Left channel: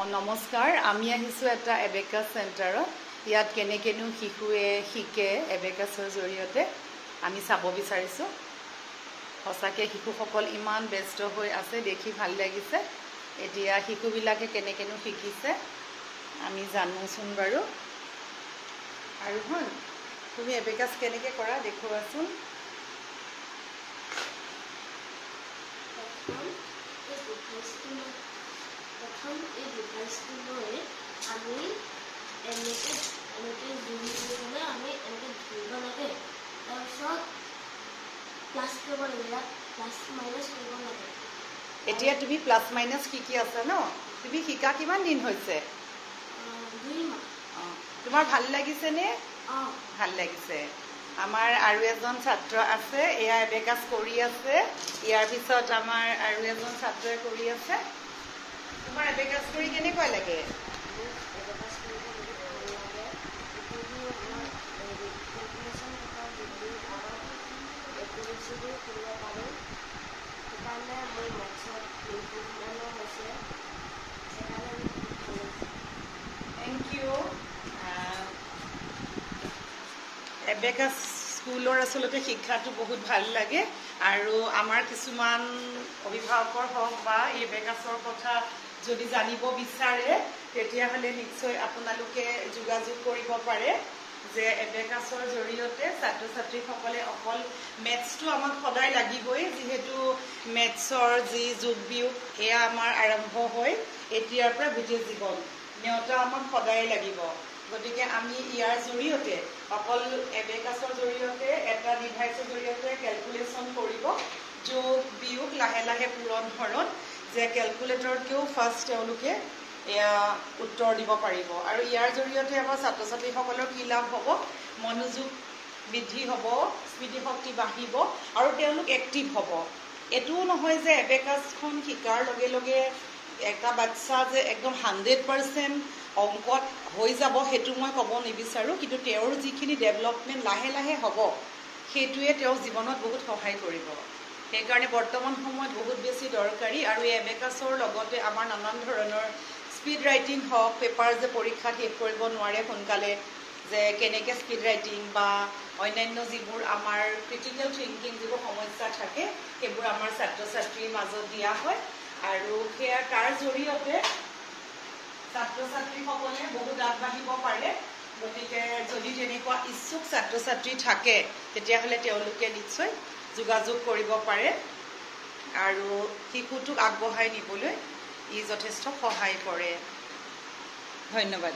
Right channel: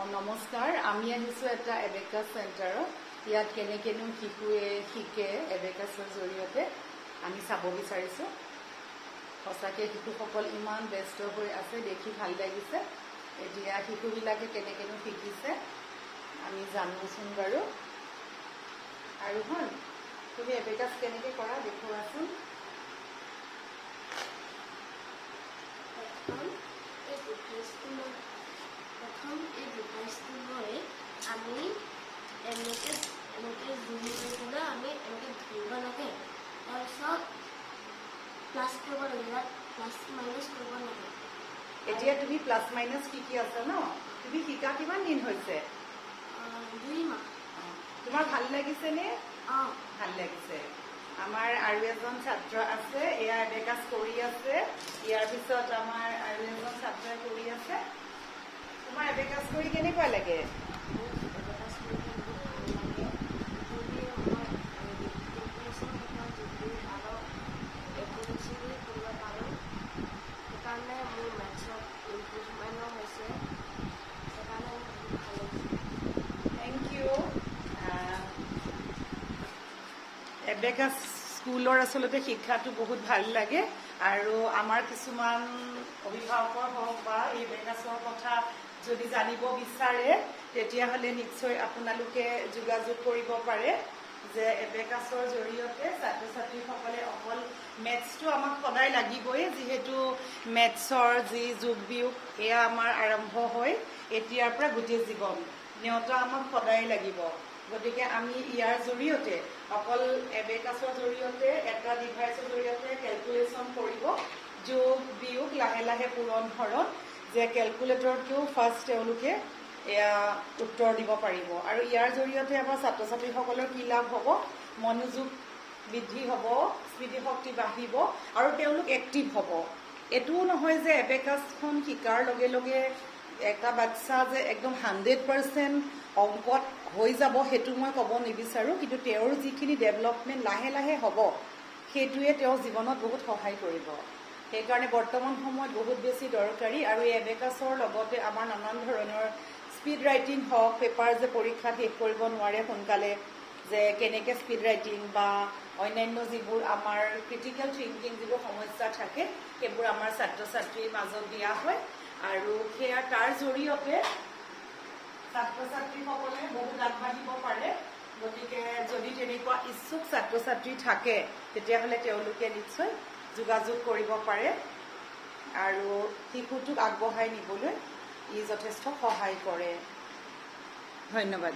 নমস্কাৰ আমি আহিছো এটা এবেকাছ চেণ্টাৰত ইয়াত কেনেকেনো শিশুৱে শিকে এবেকাছৰ জৰিয়তে আমি চাব বিচাৰিছো সঁচাকৈ শিশুসকল ইমান ব্যস্ত হৈ আছে দেখি ভাল লাগিছে এতিয়া শিশুবিলাকে কেনেকেনো শিকিছে আমি জানোচোন বাৰু আৰু তুমি এবেকাছ কেনেকৈ কৰা দেখুৱাচোন प्रथम এই ডিভাইসটো লৈ আমি এনেকে জুম কৰিলে আমি এনেকে ধৰিব লাগে তাৰপিছত প্লাস কৰিব লাগে প্লাস মাইনাস কৰিব লাগে এতিয়া তুমি প্লাস মাইনাস কি আছে ন তুমি শিকা কিমান দিন হৈছে 2 মাহ তোমাৰ ভাল লাগিছে নে ভাল লাগিছে আমাৰ আৰু এজন ছাত্ৰ আছে এয়া এবেকাছ কৰি আছে ইয়াৰ পিছত আমাৰ আৰু এজন ছাত্ৰই কৰি আছে তোমাৰ এবেকাছ কৰি কেনেকুৱা লাগে এবেকাছ কৰি ভাল লাগে যদি আমাৰ ৰিকগনিশ্যন কথা যদি আৰু একুৰেচি কৰিব পাৰোঁ সেইকাৰণে মোৰ মেথছত ইম্প্ৰুভমেণ্টো হৈছে সেইকাৰণে আমি ভাল লাগিছে থেংক ইউ এবেকাছ স্কুলৰ আচলতে শিক্ষাটো বহুত ভাল লাগে আৰু আমাৰ কিছুমান অভিভাৱকৰ হওক বা এই এবেকাছৰ কথা যদি জানিব বিচাৰে তেতিয়াহ'লে নিশ্চয় আপোনালোকে যোগাযোগ কৰিব পাৰে যে এবেকাছৰ জৰিয়তে ছাত্ৰ ছাত্ৰীসকলে অকল মেথছটো আমাক সদায় লাগিবই যিহেতু মেথছৰ যি যোগ বিয়োগ এয়া আমাৰ আৰম্ভ হয় এতিয়াৰ পৰা গোটেই জীৱন নেওতা আমাক সদায় লাগিব গতিকে আমি ইয়াৰ জৰিয়তে অকল এবেকাছৰ জৰিয়তে এটা ডিভাইচৰ জৰিয়তে কেলকুলেশ্যন কৰিব যোগ বিয়োগ লাহে লাহে পূৰণ হৰণ যে কেলকুলেটৰতকৈও ফাৰ্ষ্ট তেওঁলোকে এয়া উত্তৰ দিব পাৰিব আৰু ইয়াৰ জৰিয়তে আমাৰ ছাত্ৰ ছাত্ৰীসকলৰ কি লাভ হ'ব মনোযোগ বৃদ্ধি হ'ব স্মৃতিশক্তি বাঢ়িব আৰু তেওঁলোক এক্টিভ হ'ব এইটোও নহয় যে এবেকাছখন শিকাৰ লগে লগে এটা বাচ্চা যে একদম 100% অংকত হৈ যাব সেইটো মই ক'ব নিবিচাৰোঁ কিন্তু তেওঁৰ যিখিনি ডেভেলপমেণ্ট লাহে লাহে হ'ব সেইটোৱে তেওঁৰ জীৱনত বহুত সহায় কৰিব সেইকাৰণে বৰ্তমান সময়ত বহুত বেছি দৰকাৰী আৰু এই এবেকাছৰ লগতে আমাৰ নানান ধৰণৰ স্পীড ৰাইটিং হওক পেপাৰ যে পৰীক্ষাত শেষ কৰিব নোৱাৰে সোনকালে যে কেনেকৈ স্পীড ৰাইটিং বা অন্যান্য যিবোৰ আমাৰ ক্ৰিটিকেল থিংকিং যিবোৰ সমস্যা থাকে সেইবোৰ আমাৰ ছাত্ৰ ছাত্ৰীৰ মাজত দিয়া হয় আৰু সেয়া তাৰ জৰিয়তে ছাত্ৰ ছাত্ৰীসকলে বহুত আগবাঢ়িব পাৰে গতিকে যদি তেনেকুৱা ইচ্ছুক ছাত্ৰ ছাত্ৰী থাকে তেতিয়াহ'লে তেওঁলোকে নিশ্চয় যোগাযোগ কৰিব পাৰে আৰু শিশুটোক আগবঢ়াই নিবলৈ ই যথেষ্ট সহায় কৰে ধন্যবাদ